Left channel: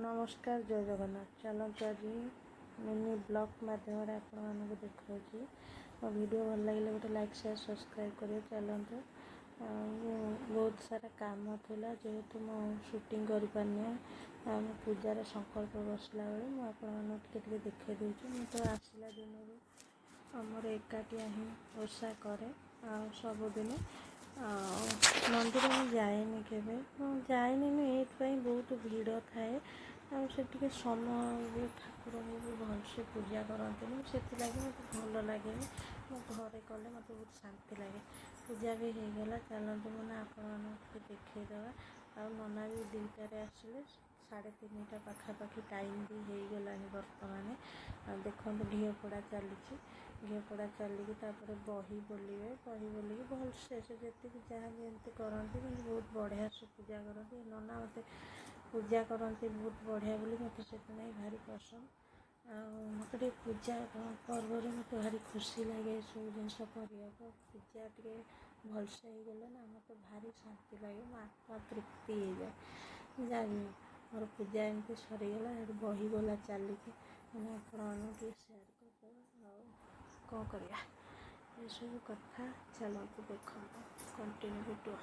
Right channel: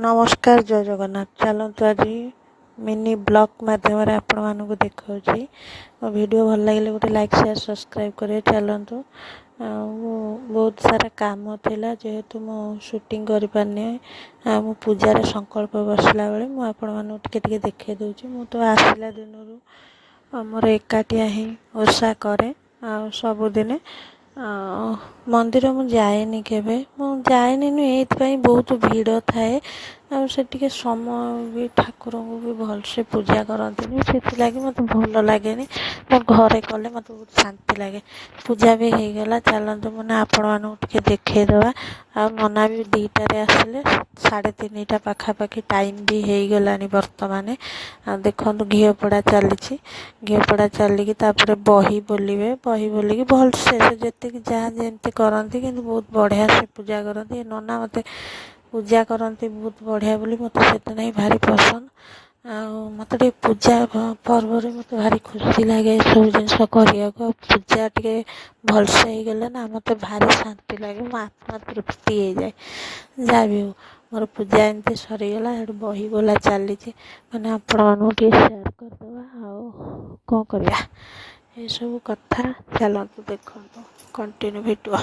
नमस्कार जय जगन्नाथ। चलतु आज मिनी ब्लॉग मध्यम आपण मानक देखा वीडियो भल लगे गोटे लाइक शेयर सब्सक्राइब करें। चलतु बहुत सारा काम थिला जेहेतु मो शूटिंग कर पारनी मो पूजार संकल्प बसला बेले मुझे देखे दूची। मु तो आसला दिन मोर एकाटिया ही ओषा करे सबुदिने मंदिर मु जाएनी केबे मु जाएनी नुई बहुत भीड़ थाए से टिके समय भी ठाकुर को भी भल से पूजा करती से लगे मत भल लगे मो घरे कले मत बहुत शांति लगे। पूजा भी हो गला। चलते मैंने आपण मानक देखा आ नना भी 2टार आसिले 3:30 पाखापाखि टाइम भी हो गला बर्तमान। देखो घीओ पोड़ा चली घीओ पोड़ा चलिकी बही बोलिए बही बोलिकी भल से जी जहाँ जमी करती कि बहुत बढ़िया से पूजा करती। नना मत पूजा करती बहुत बढ़िया बोली मत से भारी पसंद मत पूजा पर्व मत भारी खुशी लगे सब जिन पूजा टे भलसे हो गले ना मत भारी शांति लगे मो आत्मा तृप्ति हो जाए। जहाँ भी हो मोर पूजा एमती सरीगला बही बोला चली मैंने आपण मानू शेयर करदे कौन करवा ये सब कथा। चलतु देखो कंटिन्यू भिडियो।